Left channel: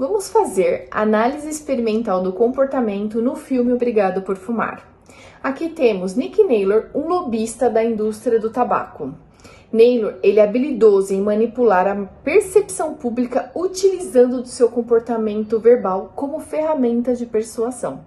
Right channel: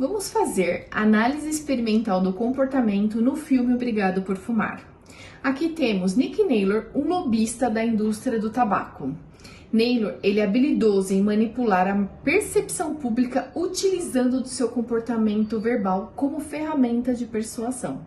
Vamos fazer análise experimental do comportamento no filme Obrigado por Fumar. Aqui temos Nick Naylor, um lobista da indústria do tabaco. Naylor, ele é habilidoso em manipular a percepção pública utilizando do seu comportamento verbal como ferramenta de persuasão.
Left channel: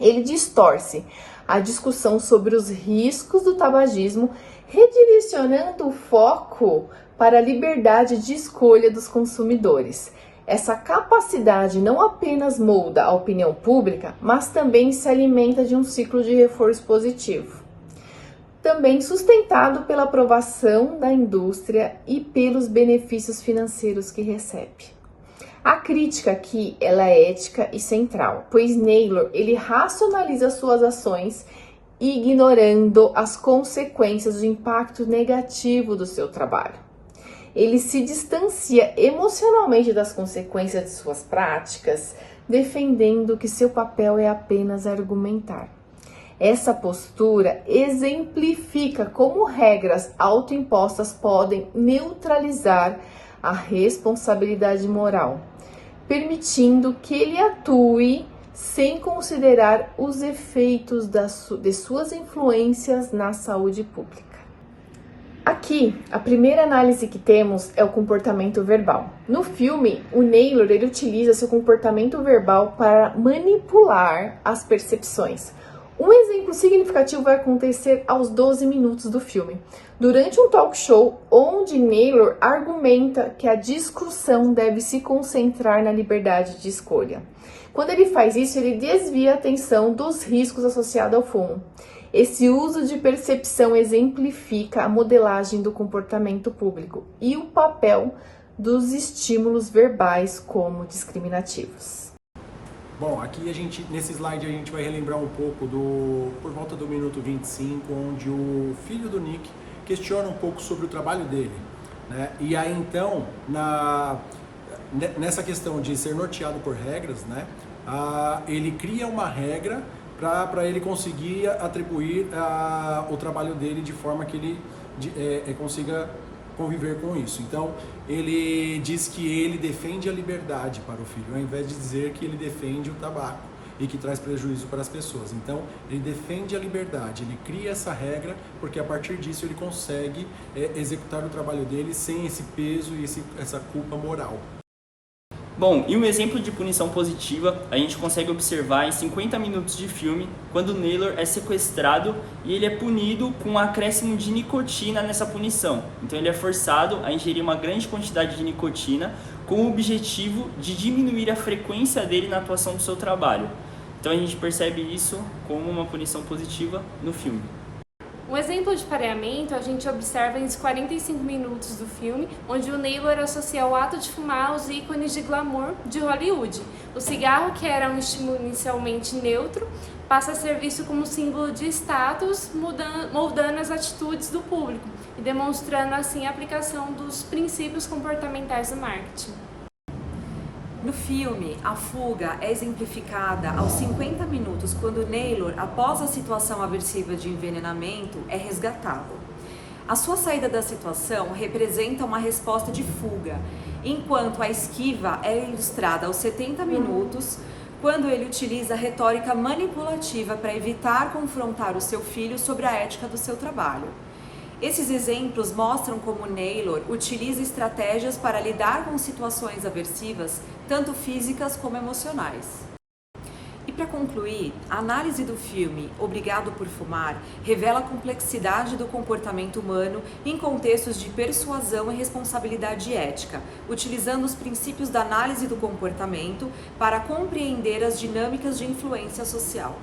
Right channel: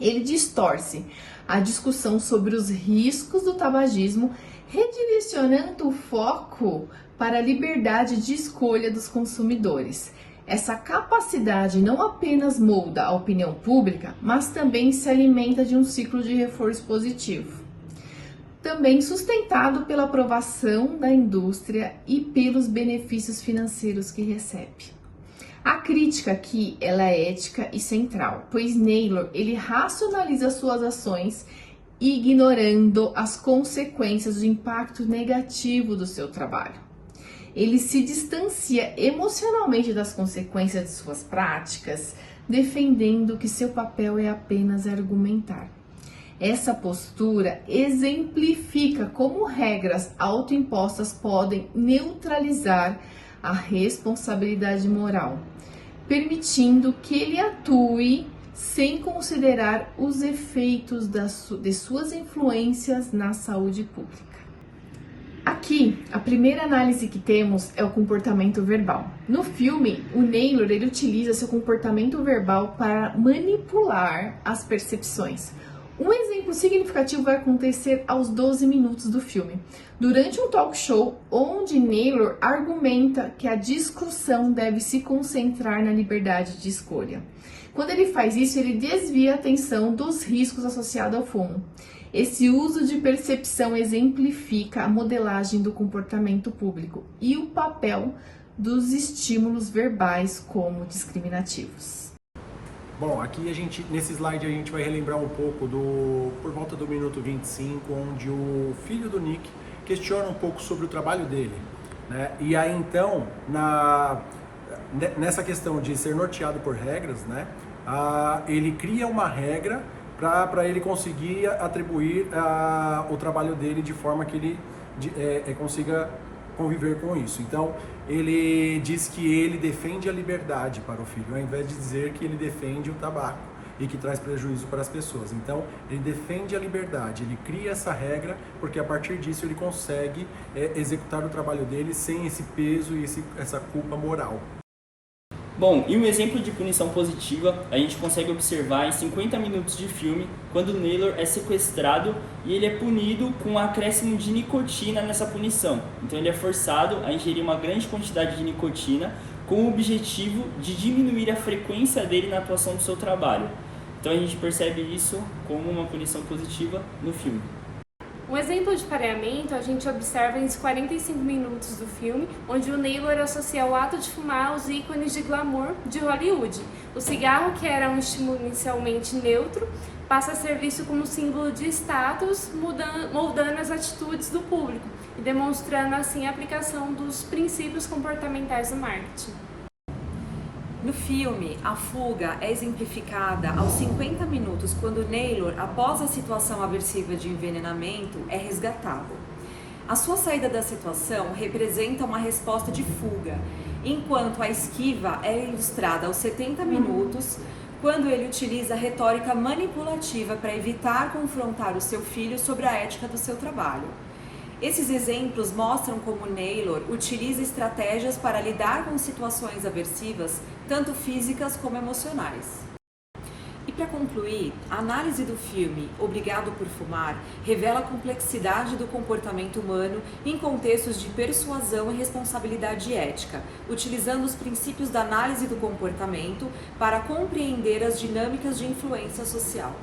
Ele distorce a discussão sobre os riscos do tabagismo, redirecionando o foco para a liberdade de escolha dos consumidores. Essa capacidade não apenas molda a opinião pública, mas também se alimenta de um ciclo de reforço positivo, também sustentado pela aprovação da indústria e pelos benefícios financeiros que recebe. A crítica aqui ela é ética e central, pois Naylor ele racionaliza suas ações ignorando as consequências do impacto negativo do seu trabalho. Ele se distancia emocionalmente das consequências de suas práticas, defendendo que seu papel é apenas argumentar. Essa postura exemplifica como regras autoimpostas podem neutralizar a responsabilidade moral, permitindo que ele atue sem considerar os efeitos de suas influências na saúde pública. Aqui, a primeira análise que temos é o comportamento verbal. No filme, o Naylor ele utiliza seu comportamento verbal para manipular as percepções. Um exemplo significativo vai acontecer aos 12 minutos do filme, durante um talk show onde Naylor argumenta que a discussão deve se concentrar na liberdade de escolha. Quando ele faz isso, ele desvia a atenção dos riscos associados ao fumo. Esse uso de percepção exemplifica a modelagem do comportamento público e o papel dos estímulos verbais como discriminativos. Bom, aqui nesse slide a gente vai relembrar um pouco por volta do minuto 25, onde o filho do Nick questiona um pouco sobre o trabalho dele, né? E aí então, nessa questão de ser norteado por regras, né? Ele cria uma regra para ele conseguir atribuir o trabalho dele de forma que ele consiga conviver com isso. Então, ele diz que ele defende a liberdade para o filho, ao invés de dizer que ele defende o tabaco e que traz prejuízo para as pessoas. Então, ele defende a liberdade, ele cria essa regra, porque a partir disso ele consegue executar o trabalho dele sem esse peso e essa culpa moral. Bom, e um exemplo de punição positiva a gente consegue observar em 50 minutos de filme, quando Naylor é sequestrado e ele é punido com um acréscimo de nicotina nessa punição. Então ele é forçado a ingerir uma grande quantidade de nicotina com o objetivo de diminuir a frequência dele na atuação do seu trabalho. Então a gente percebe isso como uma punição positiva no filme. Um exemplo de pareamento a gente observa nos 45 minutos do filme, onde o Naylor associa o ato de fumar aos ícones de glamour de Hollywood. O cigarro, que era um estímulo inicialmente neutro, passa a ser visto como símbolo de status, moldando as atitudes do público e demonstrando assim a aplicação dos princípios comportamentais do marketing. No filme, a fuga é exemplificada aos 50 minutos, quando Naylor, após a situação aversiva de envenenamento, é resgatado. A sua saída da situação representa uma resposta de fuga, enquanto a esquiva é ilustrada aos 70 minutos, quando ele utiliza a retórica manipulativa para evitar confrontar o seu filho sobre a ética do seu trabalho. Esses exemplos mostram como Naylor utiliza estratégias para lidar com situações aversivas, tanto físicas como emocionais. E para concluir, a análise do filme Obrigado por Fumar revela a complexidade do comportamento humano em contextos de persuasão e responsabilidade ética, utilizando os princípios da análise do comportamento para compreender as dinâmicas de influência social.